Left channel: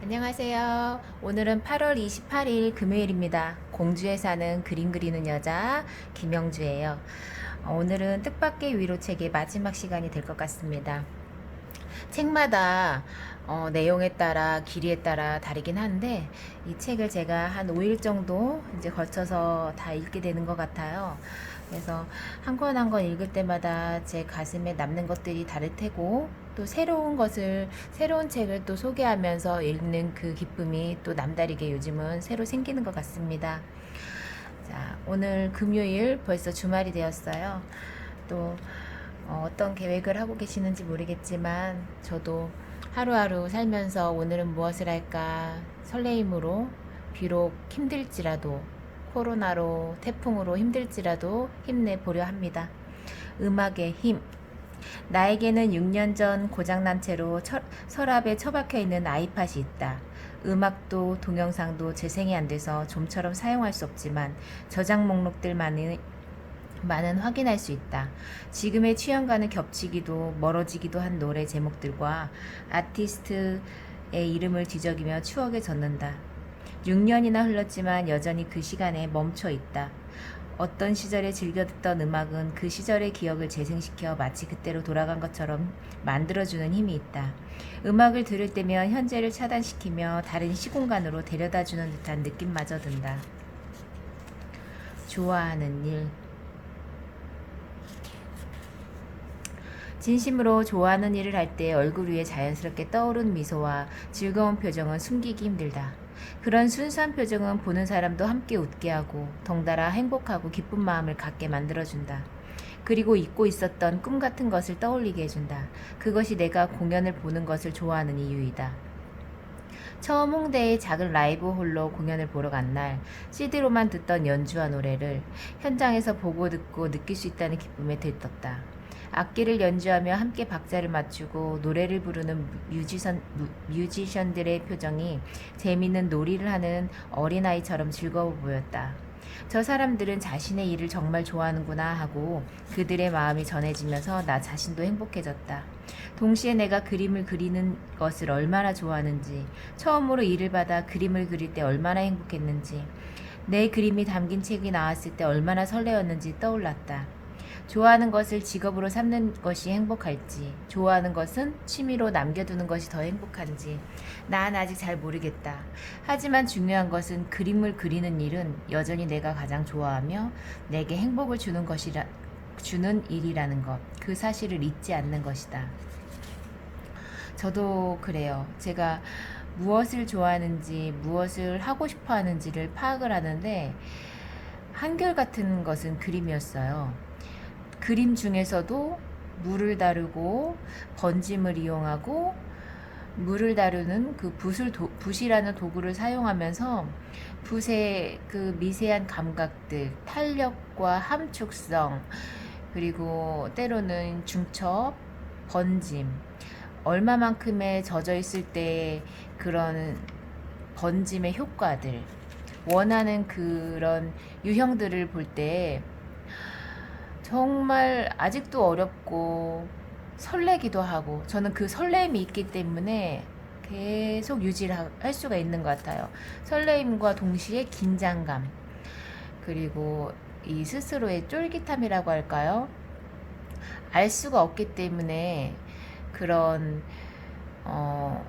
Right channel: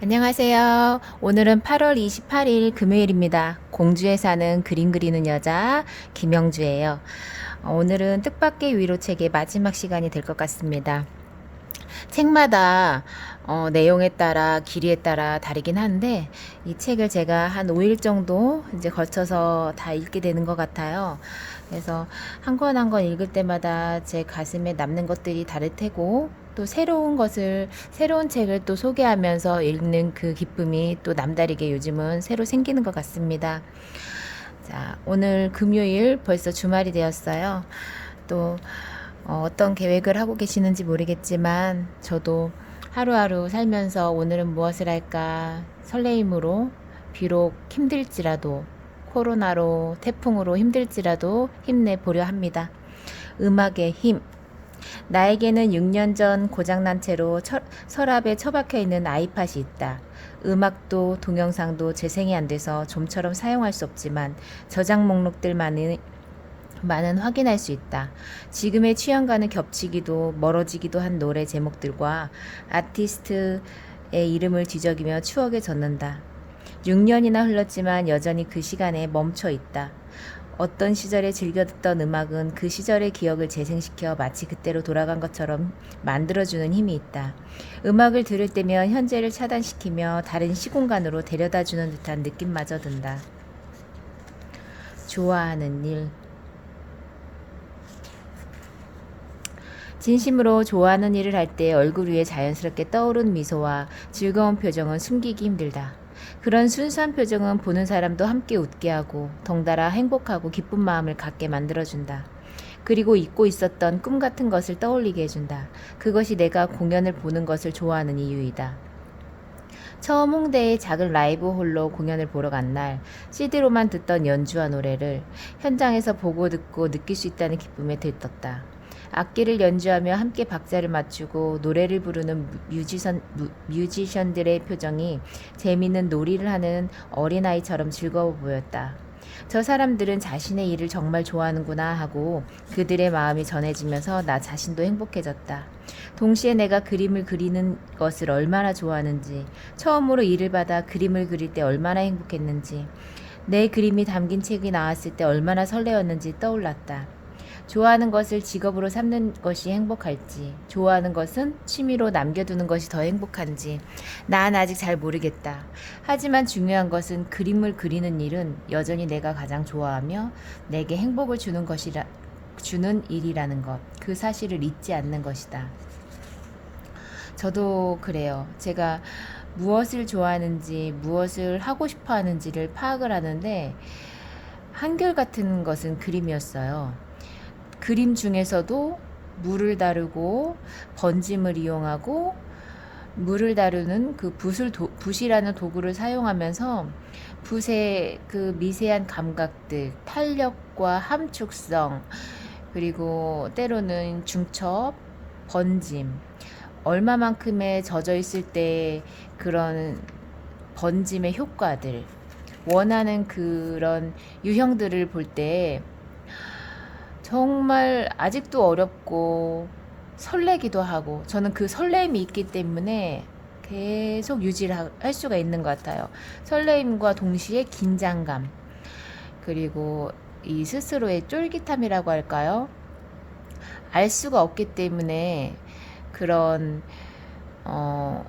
안녕하세요. 오늘은 8월 28일 금요일입니다. 공주에 사는 그림 그리는 여자 김영주예요. 오늘은 뜻밖의 위로 책의 마지막 시간이 될 것 같습니다. 책마다 내용에 따라 길이에 따라 다르긴 한데 이 책을 제가 한 5일 정도 이제 걸쳐서 다 읽게 되는 것 같아요. 그래서 한 권 한 권 읽을 때마다 제 가슴에 남는 것들이 다를 테고 또 새로운 책을 또 소개하면서 읽는 그 기쁨이 또 남다르게 요즘은 새로 생기는 것 같습니다. 자, 오늘 금요일 벌써 주말이 되었어요. 또 어떤 계획을 하고 계시는지 모르겠지만 저도 하루하루 살면서 오늘은 무엇을 할까 설레임으로 비록 힘들지라도 코로나로 태풍으로 힘들지라도 힘내보려 합니다. 음악의 힘. 나에게는 6년 전 고장난 채로 서랍에 처박혀 있는 아이팟이 있다. 음악도 동영상도 재생이 안 돼서 좀처럼 사용할 수 없지만 저장 목록들만은 많은 확인할 수 있다. 지금의 취향과는 겹치기도 멀어지기도 한 노래 제목들과 아티스트의 이름을 뒤적이며 추억에 젖는다. 6년이나 흘렀지만 여전히 그 시간에 멈춰 있다. 어떤 시절에 즐겨 듣던 음악은 그 시절의 기억을 재생시켜 마치 그때로 돌아간 것처럼 만들어주는 힘이 있다. 음악을 들을 때면 현재를 차단시키며 다른 시공간으로 데려다주는 듯한 느낌마저 든다. 좋아하는 일. 진심으로 좋아하는 일을 할 때 얼굴 위에 자연스럽게 떠오른 미소와 즐거운 표정은 숨기기 힘들다. 그런 순수한 표정은 보는 사람도 함께 웃게 하고 덩달아 행복하고 기쁜 마음을 갖게 만들어준다. 그리고 잊고 있었던 꿈 같은 것을 떠올리게 해준다. 그것이 내가 공연을 보는 것을 좋아하는 이유이다. 처음 홍대의 작은 라이브 홀로 공연을 보러 간 날, CD로만 듣던 연주와 노래를 현장에서 보고 듣고 느낄 수 있다는 기쁨에 들떴다. 악기를 연주하며 함께 박자를 맞추고 노래를 부르는 뮤지션들의 표정이 재미있는 놀이를 하는 어린아이처럼 즐거워 보였다. 저 사람들은 자신의 일을 정말 좋아하는구나 하고 그들의 마음이 전해지면서 나 자신도 행복해졌다. 동시에 내가 그림을 그리는 것을 얼마나 좋아하는지, 처음으로 일을 받아 그림을 그릴 때 얼마나 행복했는지, 내 그림이 담긴 책이 나왔을 때 얼마나 설레었는지 떠올랐다. 좋아하는 것을 직업으로 삼는 것이 행복할지, 좋아하는 것은 취미로 남겨두는 것이 더 행복한지, 난 아직 잘 모르겠다. 하지만 중요한 것은 그림을 그리는 일은 여전히 내가 가장 좋아하며 내게 행복을 주는 일이라는 것, 그 사실을 잊지 않는 것이다. 저도 그래요. 제가 무엇을 좋아하는지, 무엇을 하고 싶어 하는지를 파악을 하는데, 한결같은 것은 그림이었어요. 그림 중에서도 물을 다루고 번짐을 이용하고 물을 다루는 그 붓이라는 도구를 사용하면서 붓의 그 미세한 감각들, 탄력과 함축성, 그리고 때로는 중첩, 번짐, 얼마만큼의 젖어 있을 때 그런 번짐의 효과들, 원하는 그런 유형들을 볼 때 정말 아직도 어렵고 설레기도 하고 저는 그 설레임이 있기 때문에 계속 유지를 할 수가 있는 것 같아요. 설레임과 동시에 긴장감, 그리고 이 스스로의 쫄깃함이라고 할까요? 알 수가 없기 때문에 그런 어,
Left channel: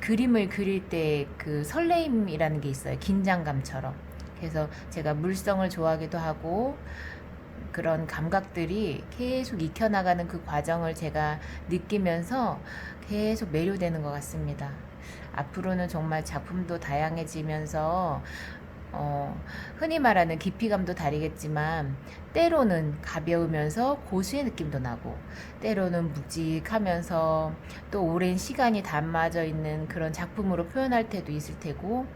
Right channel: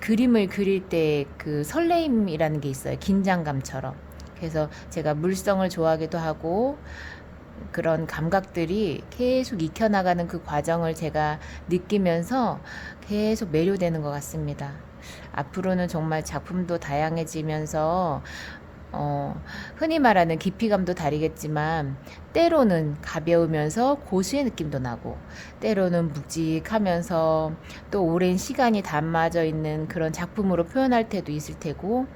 그림을 그릴 때 그 설레임이라는 게 있어요. 긴장감처럼. 그래서 제가 물성을 좋아하기도 하고 그런 감각들이 계속 익혀나가는 그 과정을 제가 느끼면서 계속 매료되는 것 같습니다. 앞으로는 정말 작품도 다양해지면서 흔히 말하는 깊이감도 다르겠지만 때로는 가벼우면서 고수의 느낌도 나고 때로는 묵직하면서 또 오랜 시간이 담아져 있는 그런 작품으로 표현할 때도 있을 테고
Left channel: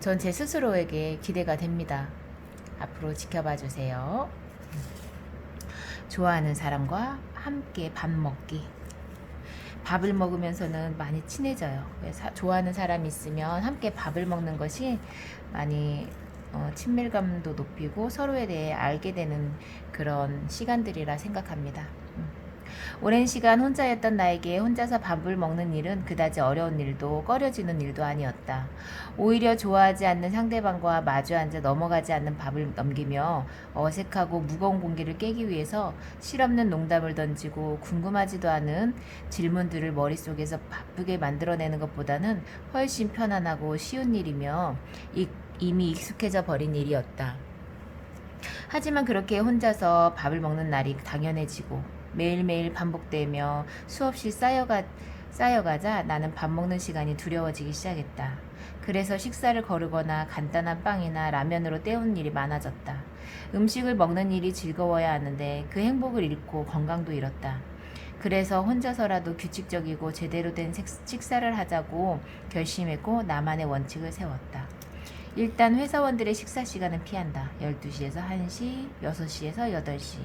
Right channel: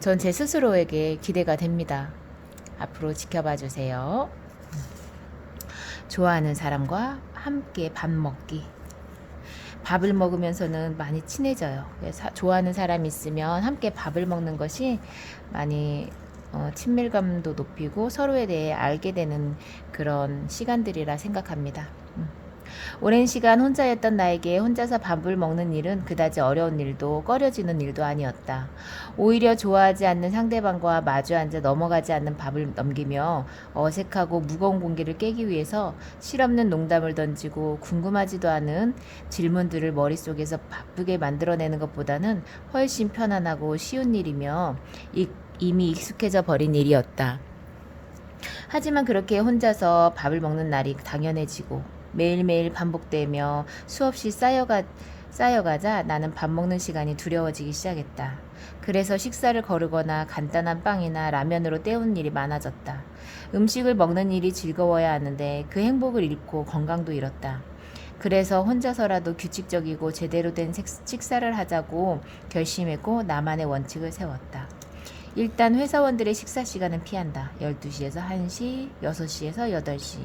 전 제 스스로에게 기대가 됩니다. 앞으로 지켜봐 주세요. 좋아하는 사람과 함께 밥 먹기. 밥을 먹으면서는 많이 친해져요. 좋아하는 사람이 있으면 함께 밥을 먹는 것이 많이 친밀감도 높이고 서로에 대해 알게 되는 그런 시간들이라 생각합니다. 오랜 시간 혼자였던 나에게 혼자서 밥을 먹는 일은 그다지 어려운 일도 꺼려지는 일도 아니었다. 오히려 좋아하지 않는 상대방과 마주 앉아 넘어가지 않는 밥을 넘기며 어색하고 무거운 공기를 깨기 위해서 실없는 농담을 던지고 궁금하지도 않은 질문들을 머릿속에서 바쁘게 만들어내는 것보다는 훨씬 편안하고 쉬운 일이며 이미 익숙해져 버린 일이었다. 하지만 그렇게 혼자서 밥을 먹는 날이 당연해지고 매일매일 반복되며 수없이 쌓여가자 나는 밥 먹는 시간이 두려워지기 시작했다. 그래서 식사를 거르거나 간단한 빵이나 라면으로 때우는 일이 많아졌다. 음식을 먹는 일이 즐거워야 하는데 그 행복을 잃고 건강도 잃었다. 그래서 혼자서라도 규칙적이고 제대로 된 식사를 하자고 결심했고 나만의 원칙을 세웠다. 일단 회사원들의 식사 시간은 피한다. 12시에서 1시, 6시에서 8시.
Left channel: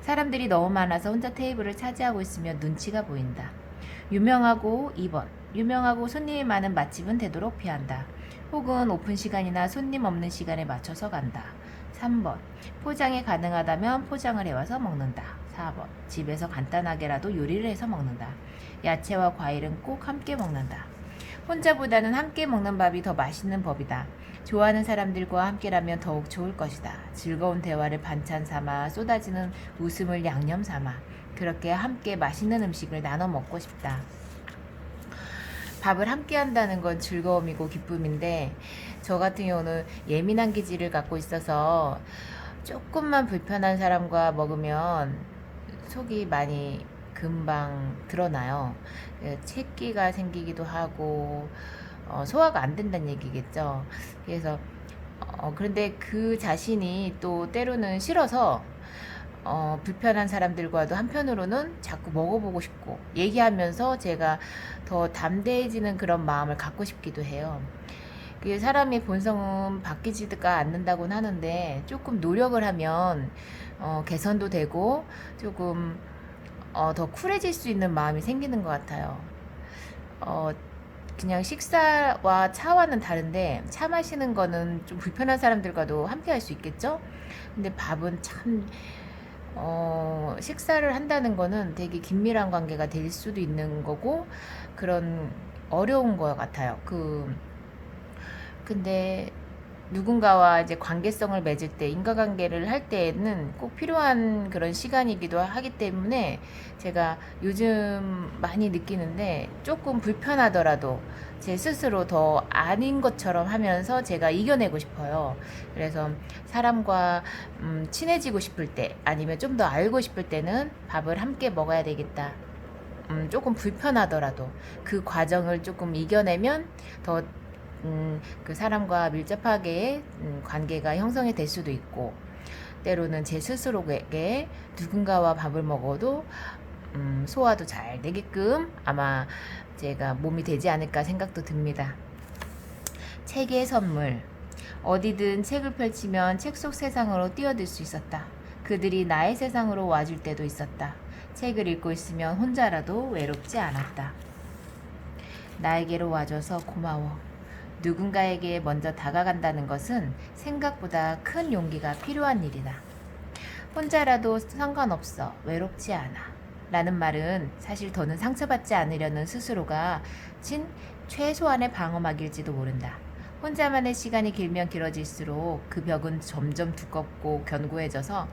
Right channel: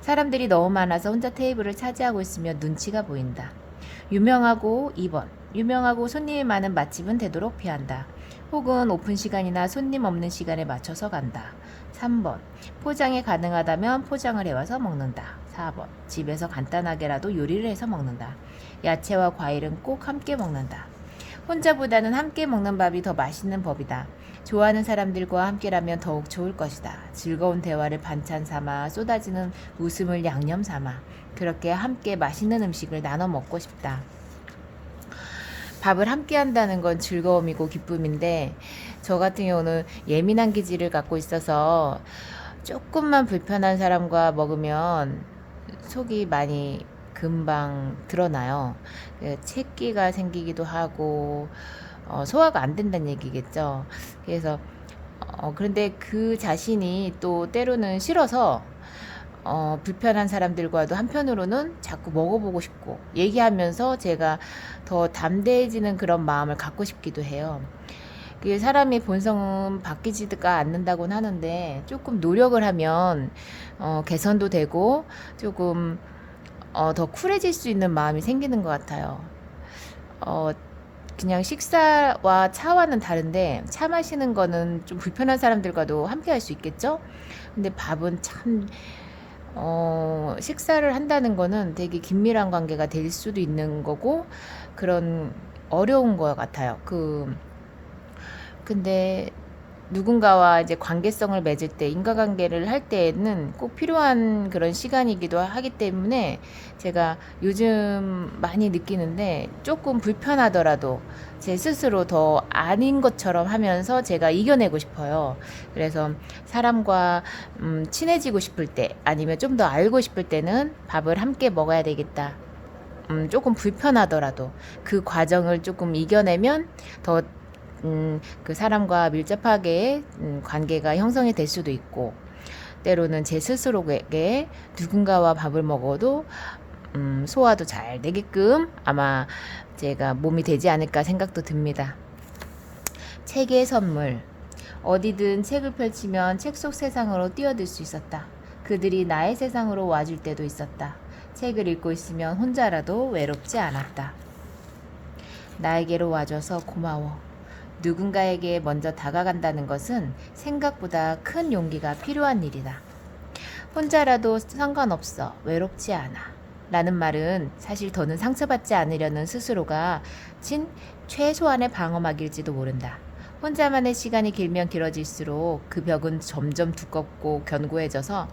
사람들이 너무 많아서 혼자 테이블을 차지하고 있으면 눈치가 보인다. 유명하고 2번. 유명하고 손님이 많은 맛집은 되도록 피한다. 혹은 오픈 시간이나 손님 없는 시간에 맞춰서 간다. 3번. 포장이 가능하다면 포장을 해와서 먹는다. 4번. 집에서 간단하게라도 요리를 해서 먹는다. 야채와 과일은 꼭 함께 먹는다. 혼자보다는 함께 먹는 밥이 더 맛있는 법이다. 좋아하는 사람들과 함께라면 더욱 좋을 것이다. 즐거운 대화를 반찬 삼아 쏟아지는 웃음을 양념 삼아 그렇게 함께 맛있는 음식을 나눠 먹고 싶다. 밥을 함께 한다는 건 즐거움이고 기쁨인데 저 같은 경우는 예민한 기질을 갖고 있어서 조금만 불편한 사람과 먹으면 속이 많이 금방 드러나요. 채기가 생기기도 하고 소화가 안 된다는 얘기겠죠. 그래서 그런데 그 자신이 또 때로는 싫어서 불편한 사람들과도 한편으로는 자꾸 먹어보고 싶고 얘기하면서 제가 더 담대해지는 그런 마음을 갖고 싶기도 해요. 그 사람의 본성은 바뀌지가 않는다고는 하는데 조금 노력을 하면 개선도 되고 조금 더 쿨해질 수 있는 마음이 생기는 것 같아요. 그냥 식사와 차와는 다른데 차 마시는 거는 좀 불편한 사람들과도 함께 할 수 있겠죠? 근데 밥은 참 식사를 한다는 거는 되게 긴밀한 관계가 될 수도 있는 거고 그런 어려운 것 같아요. 근데 누군가와 이제 관계성을 맺을 때 인과관계를 할 때에는 꼭 필요한 그런 시간이기도 하기 때문에 제가 요즘 많이 느끼는데 조금 불편하더라도 제 스스로 더 아닌 것처럼 하면서 제가 이겨내고 싶어요. 그래서 사람과 친해지고 싶을 때 아니면 좀 더 알고 싶을 때는 밥을 함께 먹어야 되겠다. 조금 불편하더라도 그 과정을 조금 이겨내면 더 그 사람과 밀접하게 관계가 형성이 될 수도 있고 때로는 제 스스로에게 누군가와 밥을 먹어도 소화도 잘 되게끔 아마 제가 몸이 되지 않을까 생각도 듭니다. 책의 선물. 어디든 책을 펼치면 책 속 세상으로 뛰어들 수 있었다. 그들이 나의 세상으로 와줄 때도 있었다. 책을 읽고 있으면 혼자라도 외롭지 않았다. 나에게로 와줘서 고마워. 누군가에게 먼저 다가간다는 것은 생각보다 큰 용기가 필요한 일이다. 혼자라도 상관없어. 외롭지 않아. 라는 말은 사실 더는 상처받지 않으려는 스스로가 진 최소한의 방어막일지도 모른다. 혼자만의 시간이 길면 길어질수록 그 벽은 점점 두껍고 견고해져서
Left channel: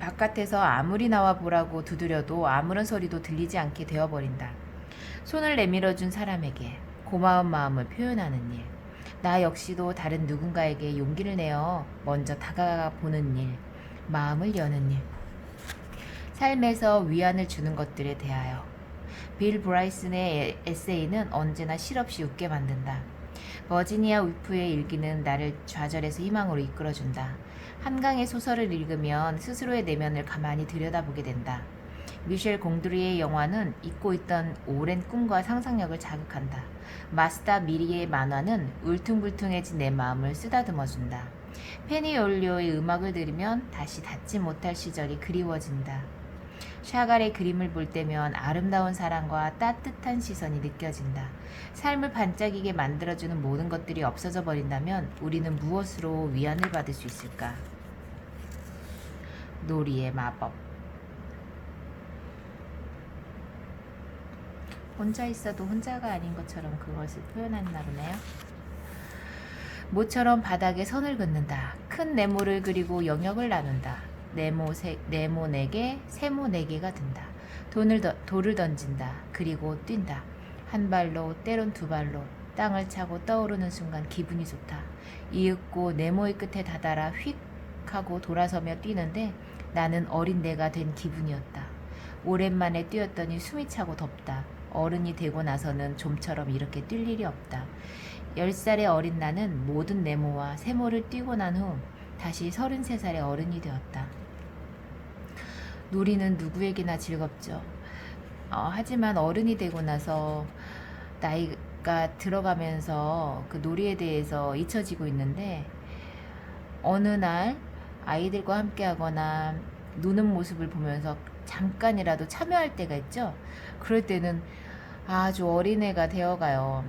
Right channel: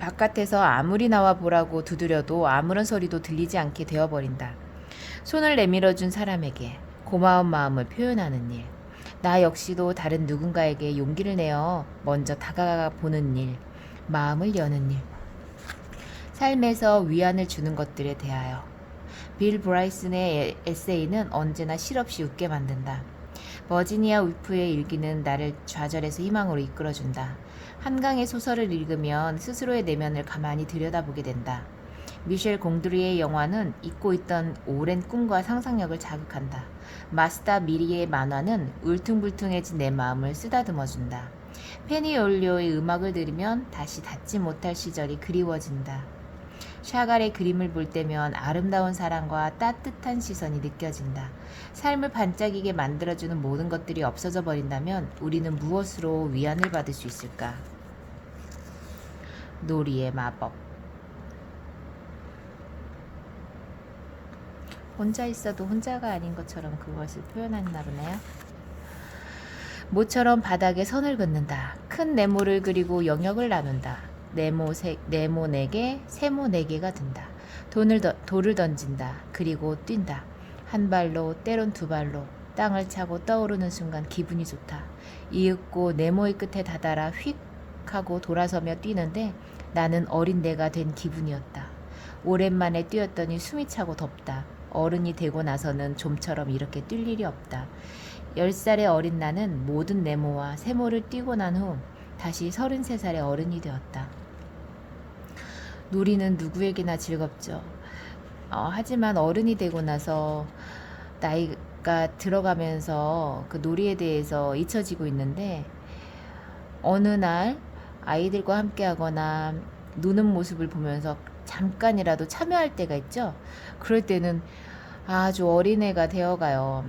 바깥에서 아무리 나와 보라고 두드려도 아무런 소리도 들리지 않게 되어버린다. 손을 내밀어준 사람에게 고마운 마음을 표현하는 일, 나 역시도 다른 누군가에게 용기를 내어 먼저 다가가 보는 일, 마음을 여는 일, 삶에서 위안을 주는 것들에 대하여. 빌 브라이슨의 에세이는 언제나 실없이 웃게 만든다. 버지니아 울프의 일기는 나를 좌절에서 희망으로 이끌어준다. 한강의 소설을 읽으면 스스로의 내면을 가만히 들여다보게 된다. 미셸 공드리의 영화는 잊고 있던 오랜 꿈과 상상력을 자극한다. 마스다 미리의 만화는 울퉁불퉁해진 내 마음을 쓰다듬어준다. 페니 올리오의 음악을 들으면 다시 닿지 못할 시절이 그리워진다. 샤갈의 그림을 볼 때면 아름다운 사랑과 따뜻한 시선이 느껴진다. 삶을 반짝이게 만들어주는 모든 것들이 없어져 버린다면 우리는 무엇으로 위안을 받을 수 있을까? 놀이의 마법. 혼자 있어도 혼자가 아닌 것처럼 그것을 표현했나 보네요. 모처럼 바닥에 선을 긋는다. 큰 네모를 그리고 영역을 나눈다. 네모 4개, 세모 4개가 든다. 돌을 던진다. 그리고 뛴다. 한 발로 때론 두 발로 땅을 차고 떠오르는 순간 기분이 좋다. 이윽고 네모의 끝에 다다라 휙 하고 돌아서며 뛰는데 나는 어린 내가 된 기분이었다. 오랜만에 뛰었더니 숨이 차고 덥다. 어른이 되고 나서는 좀처럼 이렇게 뛸 일이 없다. 10살의 어린 나는 모든 네모와 세모를 뛰고 난 후 다시 33살의 어른이 되었다. 놀이는 누구에게나 즐겁죠. 하지만 어른이 되고 나서 나이가 들어가면서 그 놀이에 대해서 잊혀지고 있는데 어느 날 아이들과 함께 하거나 노는 모습을 보면서 잠깐이라도 참여할 때가 있죠. 그럴 때는 아주 어린애가 되어가요.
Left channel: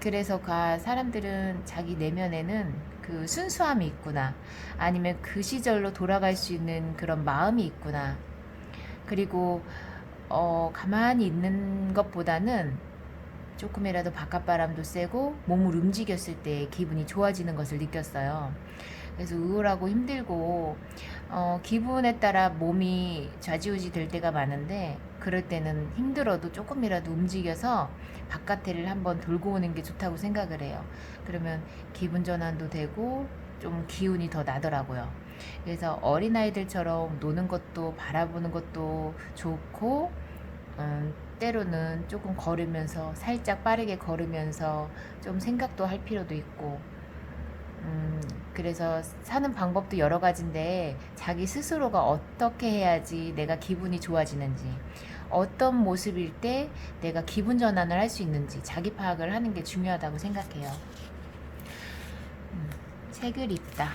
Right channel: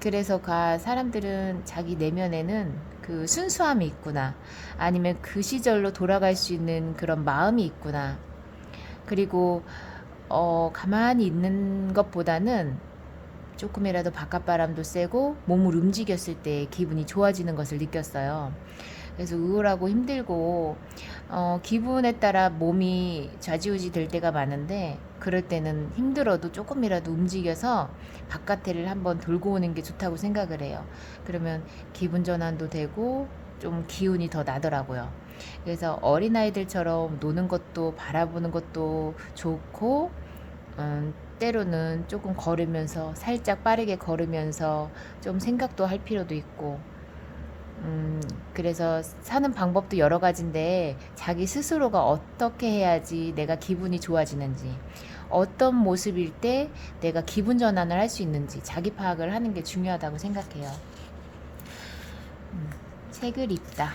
그래서 사람들은 자기 내면에는 그 순수함이 있구나. 아니면 그 시절로 돌아갈 수 있는 그런 마음이 있구나. 그리고 가만히 있는 것보다는 조금이라도 바깥바람도 쐬고 몸을 움직였을 때 기분이 좋아지는 것을 느꼈어요. 그래서 우울하고 힘들고 기분에 따라 몸이 좌지우지 될 때가 많은데 그럴 때는 힘들어도 조금이라도 움직여서 바깥에를 한번 돌고 오는 게 좋다고 생각을 해요. 그러면 기분 전환도 되고 좀 기운이 더 나더라고요. 그래서 어린아이들처럼 노는 것도 바라보는 것도 좋고 때로는 조금 걸으면서 살짝 빠르게 걸으면서 좀 생각도 할 필요도 있고 그래서 사는 방법도 여러 가지인데 자기 스스로가 어떻게 해야지 내가 기분이 좋아지는지 어떤 모습일 때 내가 기분 전환을 할 수 있는지 자기 파악을 하는 게 중요하다고 생각해요. 책을 읽다.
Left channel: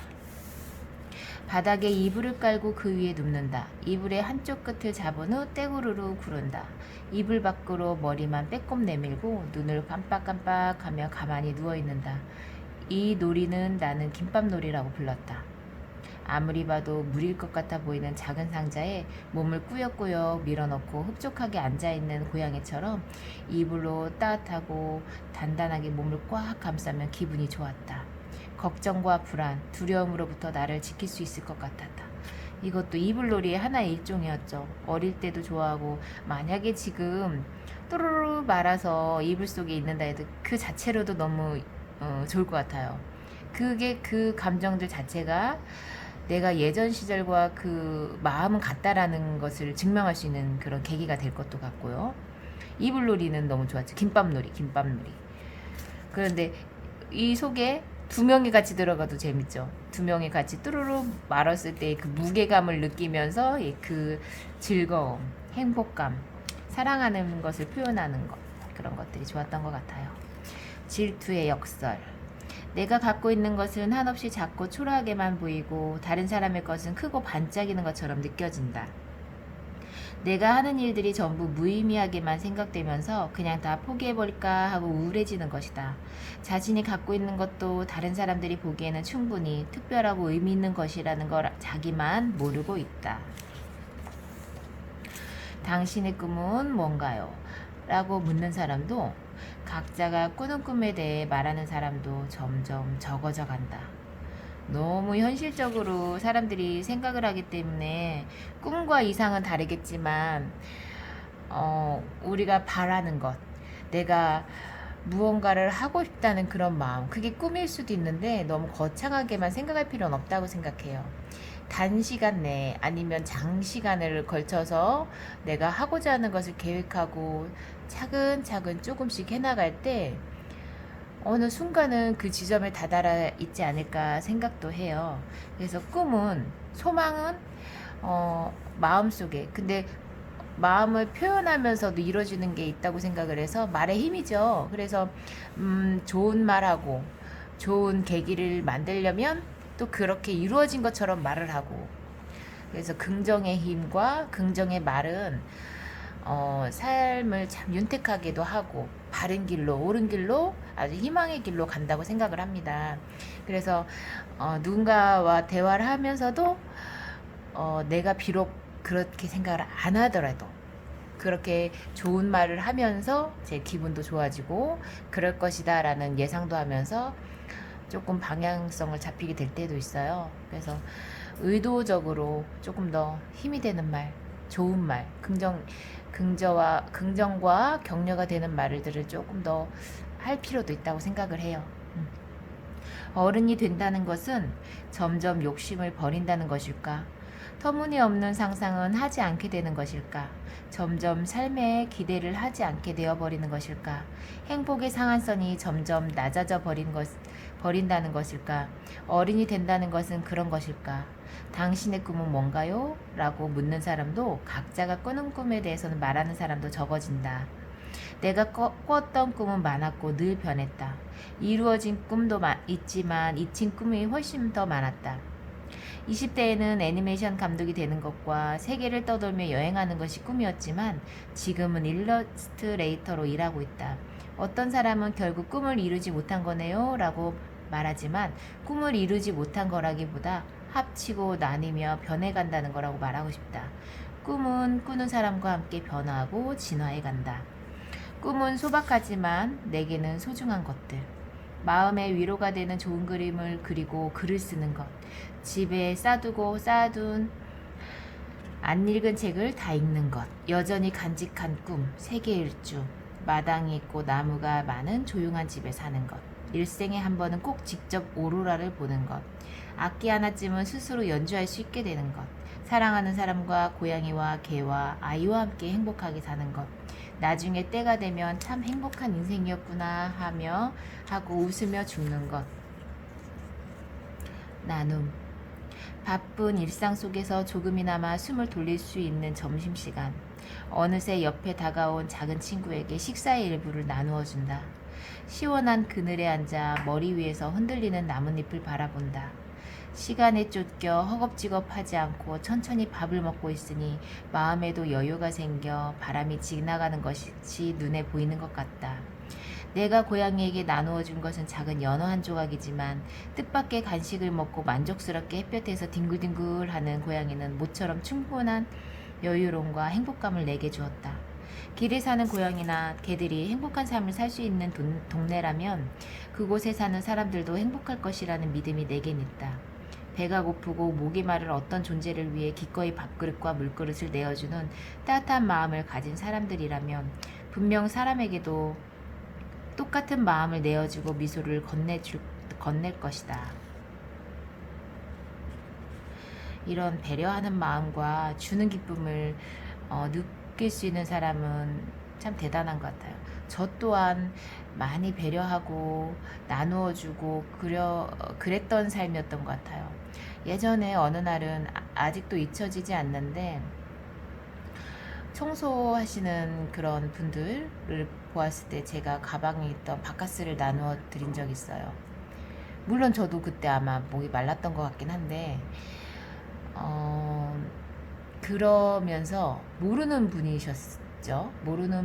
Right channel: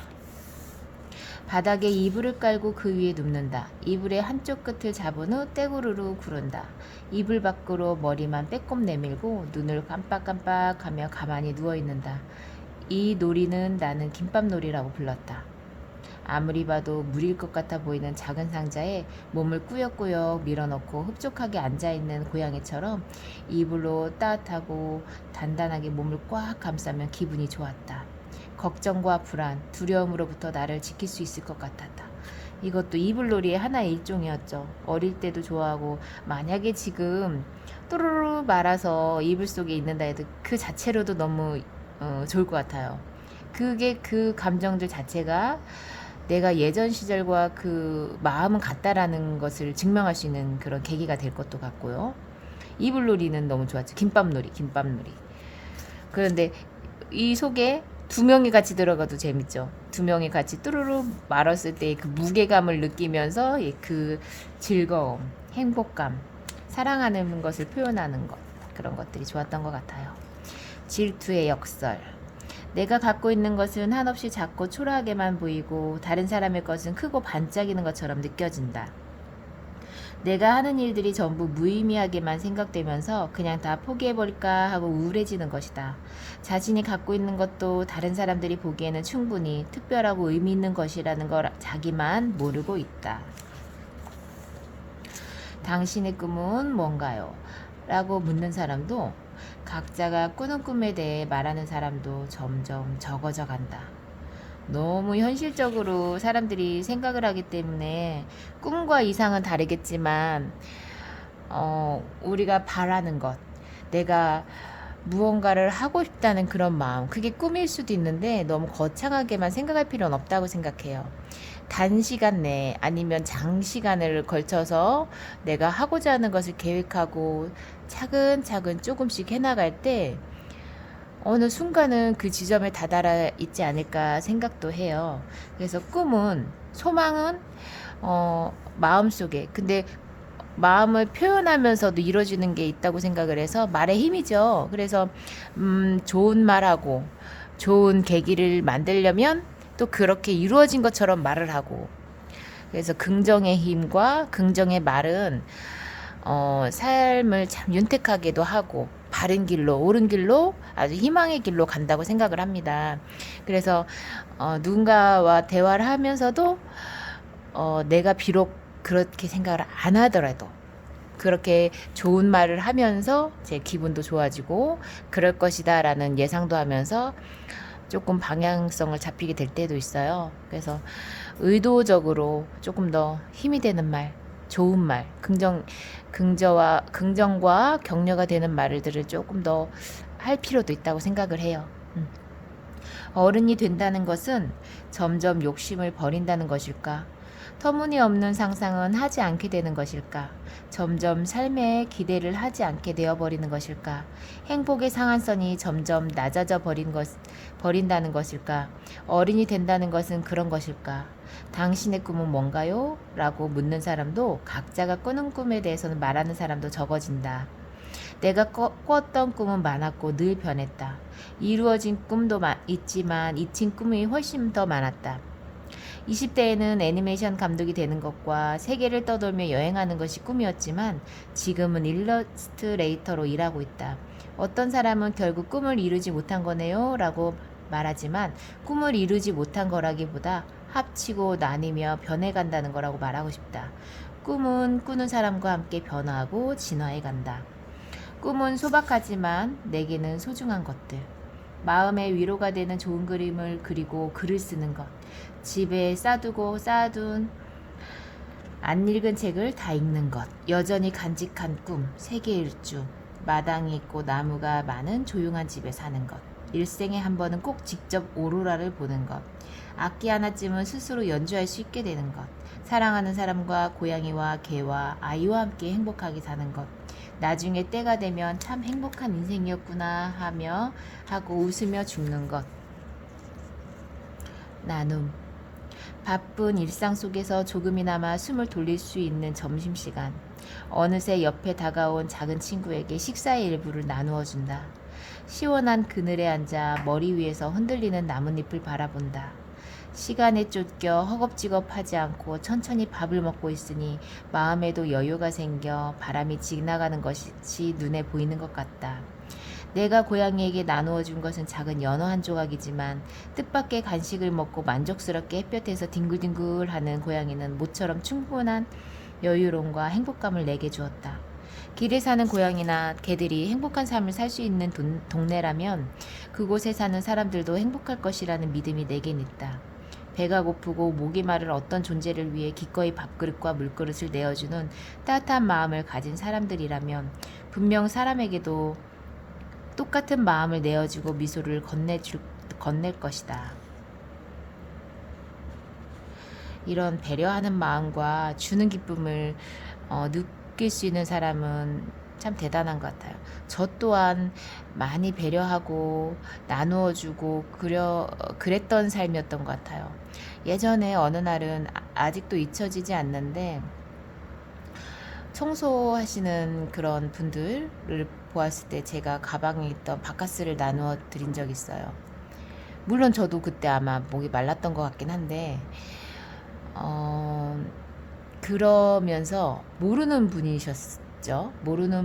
바닥에 이불을 깔고 그 위에 눕는다. 이불의 한쪽 끝을 잡은 후 떼구르르 구른다. 이불 밖으로 머리만 빼꼼 내밀고 눈을 깜빡깜빡하며 가만히 누워있는다. 이 놀이는 나는 김밥놀이라고 불렀다. 아무리 봐도 물일 것 같아 보이는 작은 상자에 몸을 꾸역꾸역 밀어넣고 흡족하게 앉아있는 고양이처럼 이불로 따뜻하고 단단하게 몸을 꽉 감싸면 기분이 좋았다. 걱정과 불안, 두려움으로부터 나를 지킬 수 있을 것 같았다. 이것도 이불놀이의 하나의 일종이었죠. 어릴 때도 좋아하고 만약에 지금 또르르 말아서 이불 속에 있는다 해도 그 자체로도 너무 좋을 것 같아요. 그게 그 감정들 자체가 내가 예전 시절과 그 마음은 같다라는 것을 증명할 수 있는 그런 계기가 될 것도 같고요. 이불놀이는 너무 좋았죠. 김밥놀이. 그런데 이 속에 두 명이 같이 들어가도 재밌죠. 두 명이 같이 뚜루루 말았을 때 그 무게감을 느끼면서 그 즐거움, 행복감, 사랑하는 것을 표현하는 것, 그런 것들이 좋았던 것 같아요. 질투의 역설. 내가 갖고 있는 것은 한없이 작고 초라하게만 보이고 다른 사람의 것은 크고 반짝이는 것처럼 느껴진다. 내가 하는 일들이 전부 무의미하게만 생각되면서 그냥 다 포기해버릴까 하고 우울해지는 것이다. 자신이 갖고 있는 것도 다른 사람들이 보기에는 충분히 특별하고 의미 있는 것이라는 걸 자기만 모르고 있다. 당신의 꿈은 뭔가요? 라고 묻는 사람도 각자가 꾸는 꿈에 대해 말하는 사람도 점점 적어져 간다. 너무 현실적으로 사람들이 생각을 하기 때문에 꿈과 이상은 다르겠지만 우리가 바라는 것, 내가 무언가를 하고 싶다는 그런 마음, 그게 꿈일 수도 있는데 너무 거창하게만 생각할 필요는 없다고 생각해요. 단시간 내에 아니면 장시간을 걸쳐서 내가 하고자 하는 것을 계획하고 차근차근 조금씩 해나갈 때 어느 순간은 그 지점에 다다라 있지 않을까 생각도 해요. 그래서 꿈은, 소망은 마음속에, 근데 마음을 표현하면서도 이루어지는 게 있다고 생각을 해서 말의 힘이죠. 그래서 좋은 말하고 좋은 계기를 만들려면 또 그렇게 이루어진 것처럼 말을 하고, 그래서 긍정의 힘과 긍정의 말은 삶을 참 윤택하게도 하고 바른 길로, 옳은 길로, 아주 희망의 길로 간다고 생각을 합니다. 그래서 누군가와 대화를 하면서도 내가 비록 그렇게 생각을 안 하더라도 그렇게 좋은 말을 하면서 제 기분도 좋아지고 그럴 것이다 라는 예상도 하면서 조금 방향성을 잡히게 될 때도 있어요. 그래서 의도적으로 조금 더 힘이 되는 말, 좋은 말, 긍정과 격려가 되는 말들을 조금 더 할 필요도 있다고 생각을 해요. 어른이 된다는 것은 점점 욕심을 버린다는 것일까? 터무니없는 상상은 하지 않게 되는 것일까? 점점 삶에 기대를 하지 않게 되어버리는 것일까? 행복의 상한선이 점점 낮아져 버린다는 것일까? 어른이 된다는 것은 그런 것일까? 당신의 꿈은 뭔가요? 라고 묻는 사람도 각자가 꾸는 꿈에 대해서는 말하는 사람도 적어진다. 내가 꿨던 꿈은 많았고 늘 변했다. 이루어진 꿈도 있지만 잊힌 꿈이 훨씬 더 많았다. 20대에는 애니메이션 감독이 되는 것과 세계를 떠돌며 여행하는 것이 꿈이었지만 지금은 일러스트레이터로 일하고 있다. 어떤 사람은 결국 꿈을 이루지 못한 거네요 라고 말하지만 꿈을 이루지 못한 거라기보다 합치고 나뉘며 변해간다는 거라고 말하고 싶다. 꿈은 꾸는 사람과 함께 변화하고 진화해 간다. 꿈은 소박하지만 내게는 소중한 것들. 마음의 위로가 되는 좋은 그림을 그리고 글을 쓰는 것. 집에 쌓아둔 안 읽은 책을 다 읽는 것. 여전히 간직한 꿈, 세계 일주. 마당이 있고 나무가 많은 조용한 집에 사는 것. 일생에 한 번은 꼭 직접 오로라를 보는 것. 악기 하나쯤은 스스로 연주할 수 있게 되는 것. 사랑하는 사람과 고양이와 개와 아이와 함께 행복하게 사는 것. 나중에 때가 되면 참 행복한 인생이었구나 하고 웃으며 죽는 것. 나눔. 바쁜 일상 속에서 조금이나마 숨을 돌릴 수 있는 점심시간. 어느새 옆에 다가온 작은 친구에게 식사의 일부를 나누어 준다. 시원한 그늘에 앉아 머리 위에서 흔들리는 나뭇잎을 바라본다. 시간에 쫓겨 허겁지겁하지 않고 천천히 밥을 먹고 있으니 마음에도 여유가 생겨 바람이 지나가는 것이 눈에 보이는 것 같다. 내가 고양이에게 나누어 준 것은 작은 연어 한 조각이지만 뜻밖의 간식을 먹고 만족스럽게 햇볕에서 뒹굴뒹굴하는 고양이는 모처럼 충분한 여유로움과 행복감을 내게 주었다. 길에 사는 고양이나 개들이 행복한 삶을 살 수 있는 동네라면 그곳에 사는 사람들도 행복할 것이라는 믿음이 내겐 있다. 배가 고프고 목이 마른 어떤 존재를 위해 기꺼이 밥그릇과 물그릇을 내어주는 따뜻한 마음을 가진 사람들이라면 분명 사람에게도 똑같은 마음을 내어주고 미소를 건넬 것이다. 이런 배려하는 마음과 주는 기쁨을 느낄 수 있는 사람은 참 대단한 것 같아요. 저 또한 많이 배려하고 나누어주고 그랬던 삶이었던 것 같아요. 예전에 어느 날은 아직도 잊혀지지 않는데 청소하시는 그런 분들을 보았을 때 제가 가방에 있던 바카스를 나누어 드린 적이 있어요. 물론 저도 그때 아마 목이 말랐던 것 같긴 한데 그러면서 모르는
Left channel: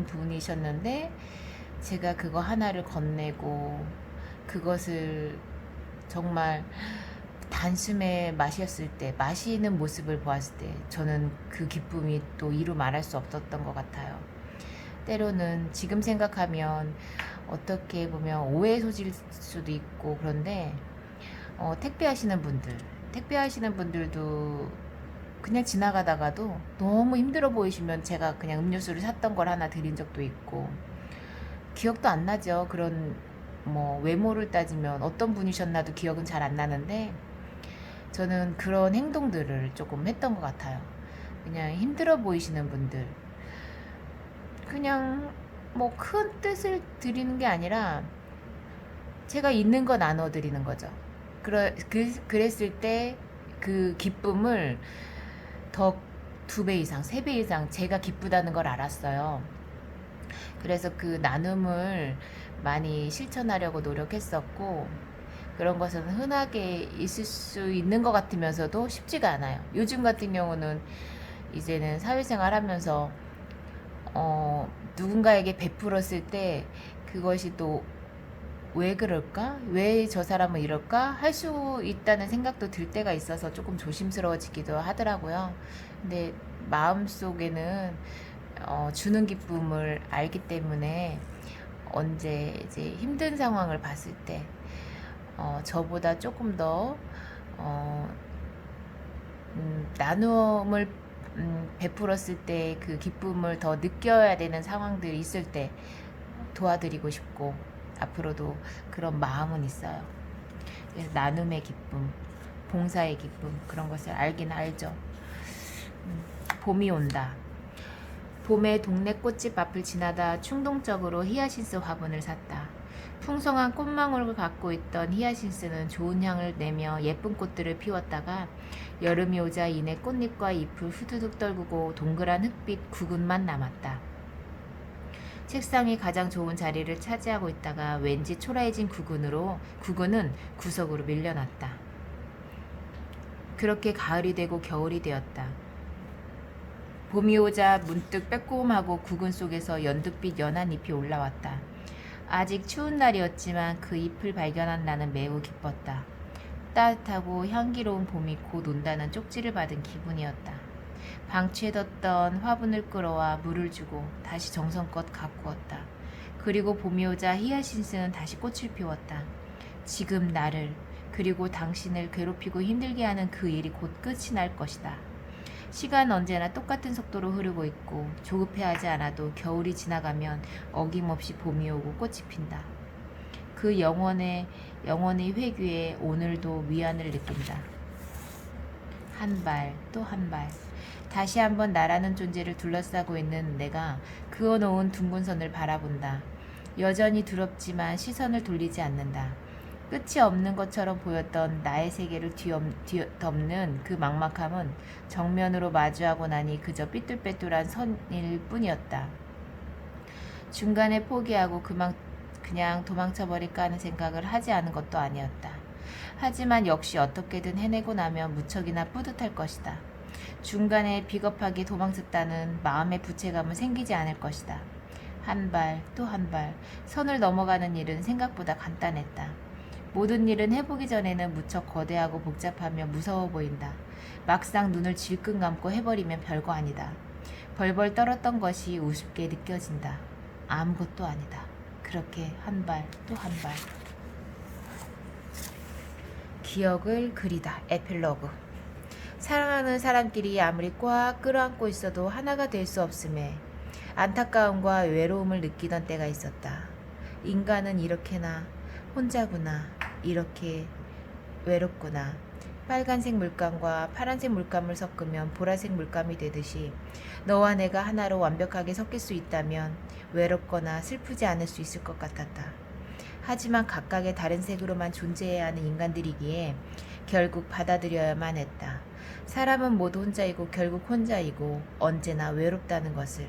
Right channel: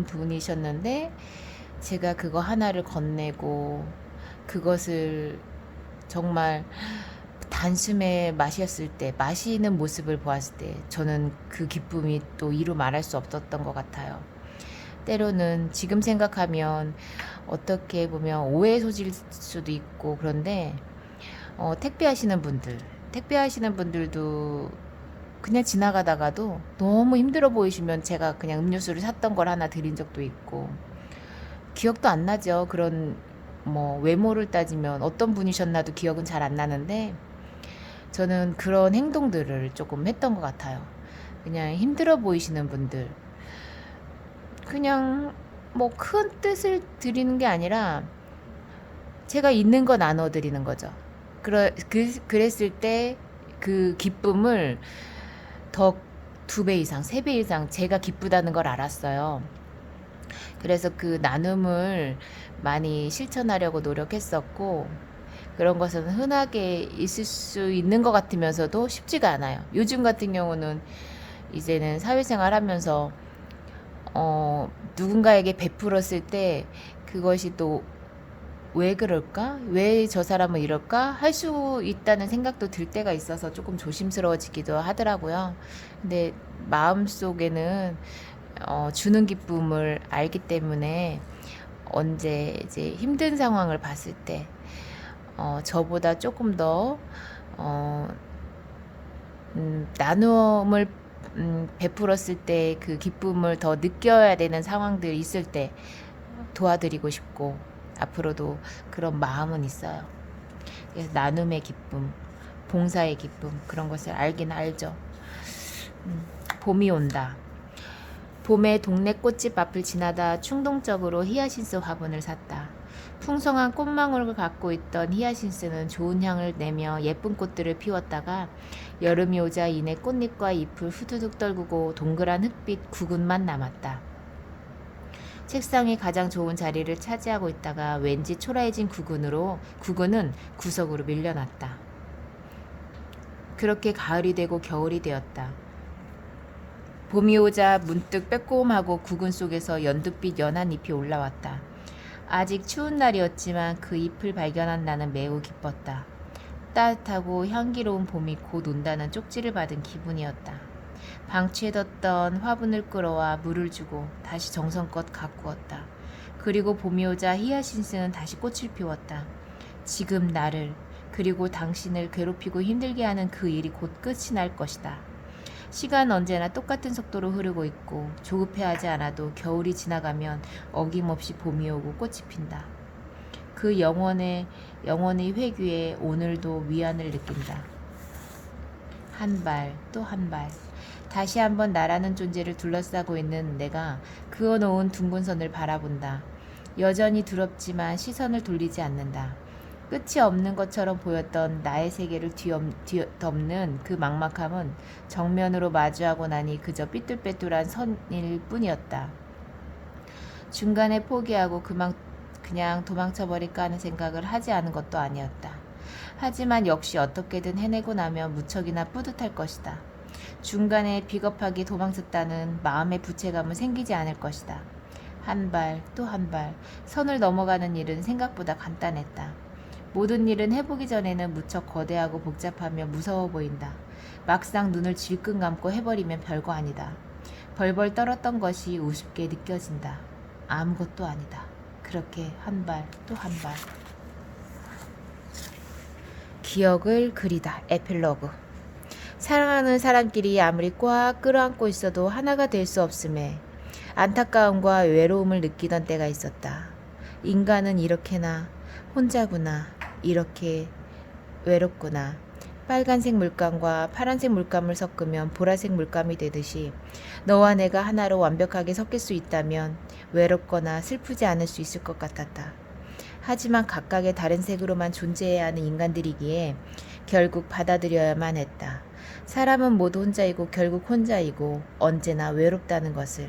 분이셨는데 제가 그거 하나를 건네고 그것을 정말 단숨에 마시는 모습을 보았을 때 저는 그 기쁨이 또 이루 말할 수 없었던 것 같아요. 때로는 지금 생각하면 어떻게 보면 오해 소질 수도 있고 그런데 택배하시는 분들도 그냥 지나가다가도 너무 힘들어 보이시면 제가 그냥 음료수를 샀던 걸 하나 드린 적도 있고 기억도 안 나죠. 그런 외모를 따지면 어떤 분이셨나도 기억은 잘 안 나는데 저는 그런 행동들을 조금 했던 것 같아요. 그냥 힘들어 보이시는 분들 그냥 큰 뜻을 드리는 게 아니라 제가 있는 거 나눠 드리는 거죠. 그랬을 때 그 기쁨을 더 2배 이상, 3배 이상 제가 기쁘다는 걸 알았어요. 그래서 그 나눔을 많이 실천하려고 노력했었고 그런 것은 흔하게 있을 수 있는 것 같으면서도 쉽지가 않아요. 요즘 같은 경우는 이제는 사회생활 하면서 누군가에게 베풀었을 때 그것이 또 왜 그럴까? 왜 저 사람은 이럴까? 할 수 있다는 생각도 들 때가 있어서 조금 조심스러워지기도 하더라고요. 근데 마음속에는 주는 기쁨을 알기 때문에 언제 이제 힘든 상황을 봤을 때 저보다 조금 더 어, 나눔을 베풀었을 때 그 기쁨을 더 느껴야 되는 상황들이 있을 때 도와드리고 싶고 앞으로도 그런 마음은 있어요. 그래서 나눔의 기쁨, 봉사의 기쁨 그런 것을 알긴 알죠. 봄이 온다. 봄에 동네 꽃집 앞을 지나다 충동적으로 히야신스 화분을 샀다. 풍성한 꽃망울을 갖고 있던 히야신스는 좋은 향을 내며 예쁜 꽃들을 피웠다가 여름이 오자 이내 꽃잎과 잎을 후두둑 떨구고 동그란 흙빛 구근만 남았다. 책상이 가장 좋은 자리를 차지하고 있다가 왠지 초라해진 구근은 구석으로 밀려났다. 그렇게 가을이 되고 겨울이 되었다. 봄이 오자 문득 빼꼼하고 구근 속에서 연두빛 연한 잎이 올라왔다. 아직 추운 날이었지만 그 잎을 발견한 나는 매우 기뻤다. 따뜻하고 향기로운 봄이 곧 온다는 쪽지를 받은 기분이었다. 방치해뒀던 화분을 끌어와 물을 주고 다시 정성껏 가꾸었다. 그리고 봄이 오자 히야신스는 다시 꽃을 피웠다. 지금 나를 그리고 당신을 괴롭히고 힘들게 하는 그 일이 곧 끝이 날 것이다. 시간 언제나 똑같은 속도로 흐르고 있고 조급해하지 않아도 겨울이 지나가면 어김없이 봄이 오고 꽃이 핀다. 그 영원의 회귀에 오늘도 위안을 느낀다. 한 발 또 한 발. 다시 한번 나라는 존재를 둘러싸고 있는 내가 그어놓은 둥근 선을 바라본다. 여전히 두렵지만 시선을 돌리지 않는다. 끝이 없는 것처럼 보였던 나의 세계를 뒤덮는 그 막막함은 정면으로 마주하고 나니 그저 삐뚤빼뚤한 선일 뿐이었다. 중간에 포기하고 그냥 도망쳐버릴까 하는 생각을 하지 않은 것도 아니었다. 하지만 역시 어떻게든 해내고 나면 무척이나 뿌듯할 것이다. 중간에 비겁하게 도망쳤다는 마음의 부채감은 생기지 않을 것이다. 한 발 또 한 발 선을 넘어가는 일은 생각보다 간단했다. 모든 일은 해보기 전에는 무척 거대하고 복잡하며 무서워 보인다. 막상 눈을 질끈 감고 해버리면 별거 아니다. 벌벌 떨었던 것이 우습게 느껴진다. 아무것도 아니다. 그렇게 한 발 또 한 발. 기억을 그리다. 에필로그. 사랑하는 사람끼리 아무리 꽉 끌어안고 있어도 하나가 될 수 없음에 안타까움과 외로움을 느끼던 때가 있었다. 인간은 이렇게나 혼자구나. 이렇게 외롭구나. 빨간색 물감과 파란색 물감을 섞으면 보라색 물감이 되듯이 너와 내가 하나로 완벽하게 섞일 수 있다면 외롭거나 슬프지 않을 수 있을 것 같았다. 하지만 각각의 다른 색으로만 존재해야 하는 인간들이기에 결국 받아들여야만 했다. 사람은 모두 혼자이고 결국 혼자이고 언제나 외롭다는 것을.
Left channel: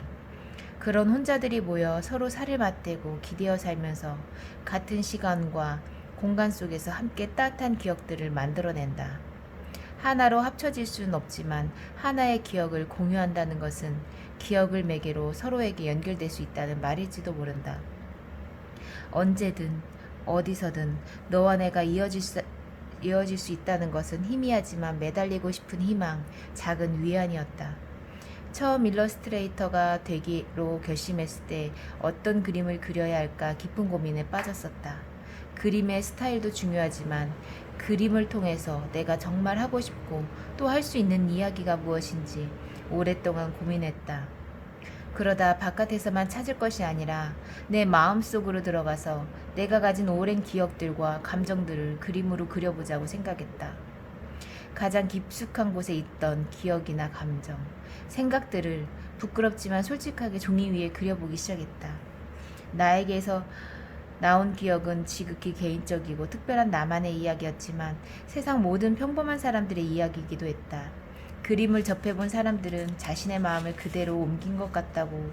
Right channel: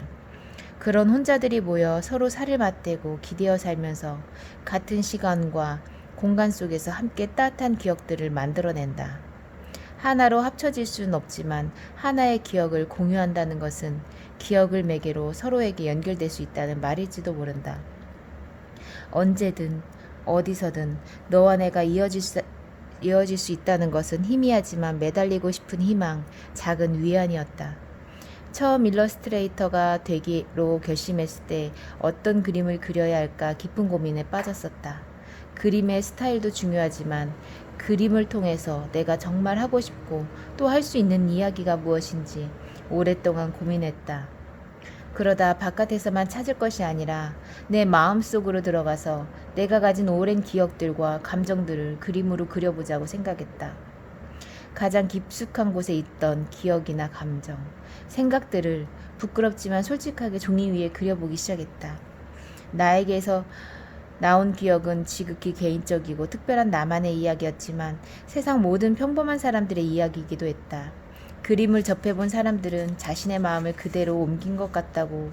그런 혼자들이 모여 서로 살을 맞대고 기대어 살면서 같은 시간과 공간 속에서 함께 따뜻한 기억들을 만들어낸다. 하나로 합쳐질 수는 없지만 하나의 기억을 공유한다는 것은 기억을 매개로 서로에게 연결될 수 있다는 말일지도 모른다. 언제든 어디서든 너와 내가 이어질 수 있다는 것은 희미하지만 매달리고 싶은 희망, 작은 위안이었다. 처음 일러스트레이터가 되기로 결심했을 때 어떤 그림을 그려야 할까 깊은 고민에 빠졌었다. 그림의 스타일도 중요하지만 그림을 통해서 내가 정말 하고 싶고 또 할 수 있는 이야기가 무엇인지 오랫동안 고민했다. 그러다 바깥에서만 찾을 것이 아니라 내 마음속으로 들어가서 내가 가진 오랜 기억들과 감정들을 그림으로 그려보자고 생각했다. 가장 깊숙한 곳에 있던 기억이나 감정, 생각들을 부끄럽지만 솔직하게 종이 위에 그려보기 시작했다. 나에게서 나온 기억은 지극히 개인적이고 특별한 나만의 이야기였지만 세상 모든 평범한 사람들의 이야기이기도 했다. 그림을 접해본 사람들은 자신의 마음을 그대로 옮긴 것 같다고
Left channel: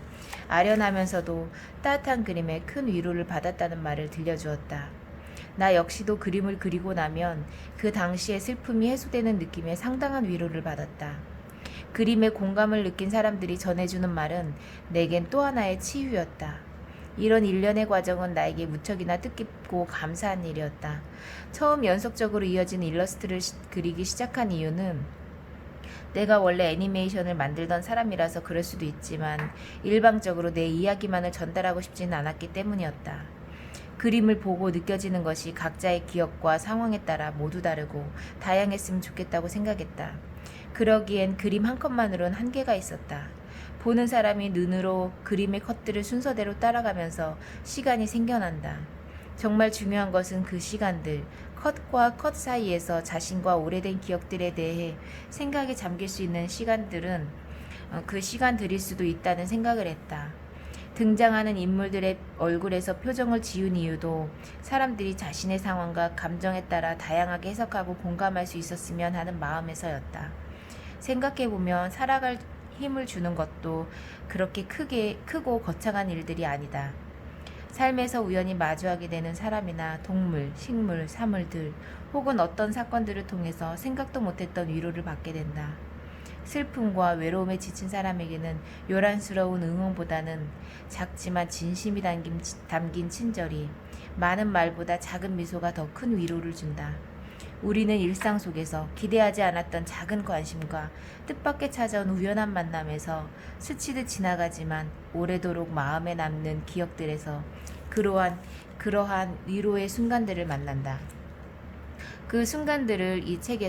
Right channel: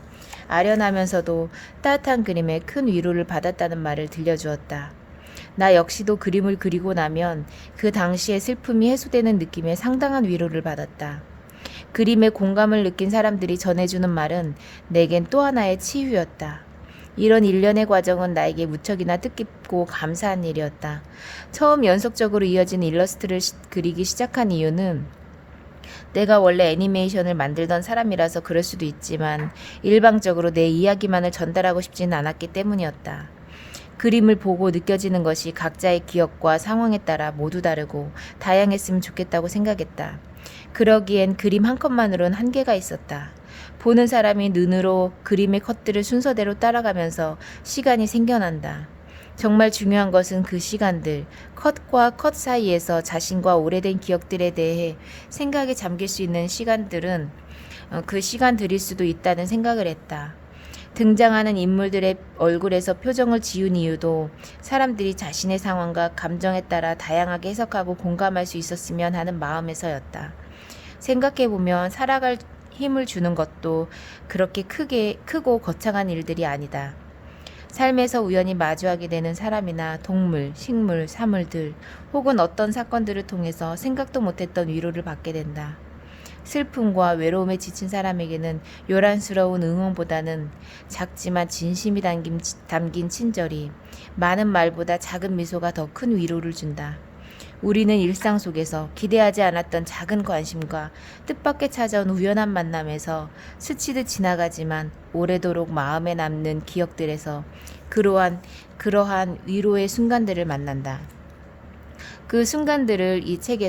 아련하면서도 따뜻한 그림에 큰 위로를 받았다는 말을 들려주었다. 나 역시도 그림을 그리고 나면 그 당시의 슬픔이 해소되는 느낌에 상당한 위로를 받았다. 그림에 공감을 느낀 사람들이 전해주는 말은 내겐 또 하나의 치유였다. 이런 일련의 과정은 나에게 무척이나 뜻깊고 감사한 일이었다. 처음 연속적으로 이어진 일러스트를 그리기 시작한 이유는 내가 원래 애니메이션을 만들던 사람이라서 그럴 수도 있지만 일방적으로 내 이야기만을 전달하고 싶지는 않았기 때문이었다. 그림을 보고 느껴지는 것이 각자의 기억과 상황에 따라 모두 다르고 다양했으면 좋겠다고 생각했다. 그러기엔 그림 한 컷만으론 한계가 있었다. 보는 사람이 눈으로 그림의 컷들을 순서대로 따라가면서 시간이 생겨난다. 정말 중요한 것은 그 시간들, 컷과 컷 사이에서 자신과 오래된 기억들에 대해 생각에 잠길 수 있는 시간들은 그 시간들일 수도 있다는 생각을 했다. 등장하는 인물들의 얼굴에서 표정을 지운 이유도 사람들이 자신의 상황과 감정에 따라 다양하게 해석하고 공감할 수 있었으면 하는 마음에서였다. 생각해보면 살아갈 힘을 주는 것도 그렇게 크고 거창한 일들이 아니다. 삶에서 우연히 마주하게 되는 사람이나 동물, 식물, 사물들 혹은 어떤 사건들을 통해서 생각도 못했던 위로를 받게 된다. 슬픔과 외로움에 지친 사람에게는 요란스러운 응원보다는 작지만 진심이 담긴 친절이 많은 말보다 작은 미소가 더 큰 위로를 준다. 우리는 일상 속에서 기대하지 않았던 작은 관심과 뜻밖의 찾아온 우연한 만남에서 스치듯 지나가지만 오래도록 마음에 남는 기억들에서 그러한 위로의 순간들을 만난다. 그 순간들을 이 책에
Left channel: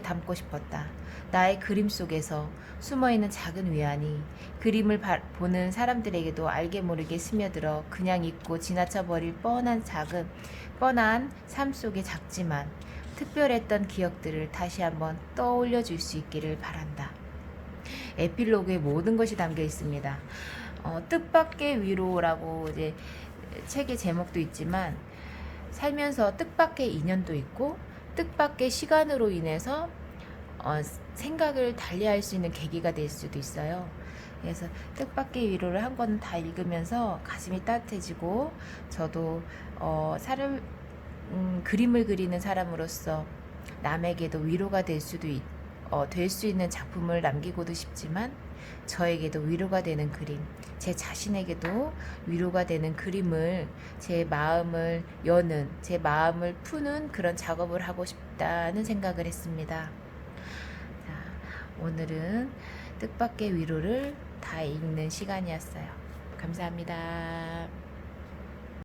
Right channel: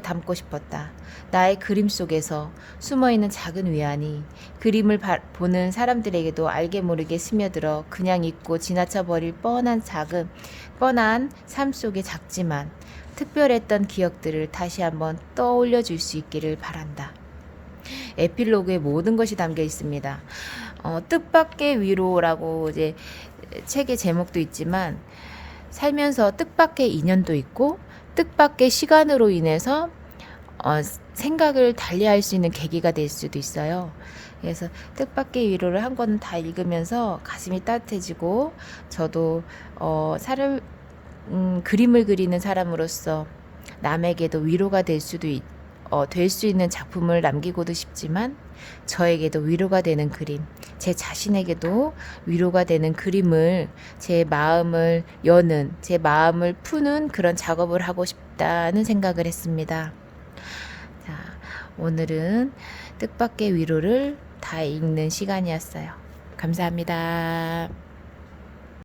담고 싶었다. 나의 그림 속에서 숨어있는 작은 위안이 그림을 보는 사람들에게도 알게 모르게 스며들어 그냥 잊고 지나쳐 버릴 뻔한 삶 속의 작지만 특별했던 기억들을 다시 한번 떠올려 줄 수 있기를 바란다. 에필로그에 모든 것이 담겨 있습니다. 뜻밖의 위로라고 이제 책의 제목도 있지만 살면서 뜻밖의 인연도 있고 뜻밖의 시간으로 인해서 생각을 달리할 수 있는 계기가 될 수도 있어요. 그래서 뜻밖의 위로를 한 권 다 읽으면서 가슴이 따뜻해지고 저도 그림을 그리는 사람으로서 남에게도 위로가 될 수 있는 작품을 남기고도 싶지만 저에게도 위로가 되는 그림, 제 자신에게도 위로가 되는 그림을 제 마음을 푸는 그런 작업을 하고 싶다는 생각을 했습니다. 자, 오늘은 뜻밖의 위로를 다 읽는 시간이었어요. 감사합니다.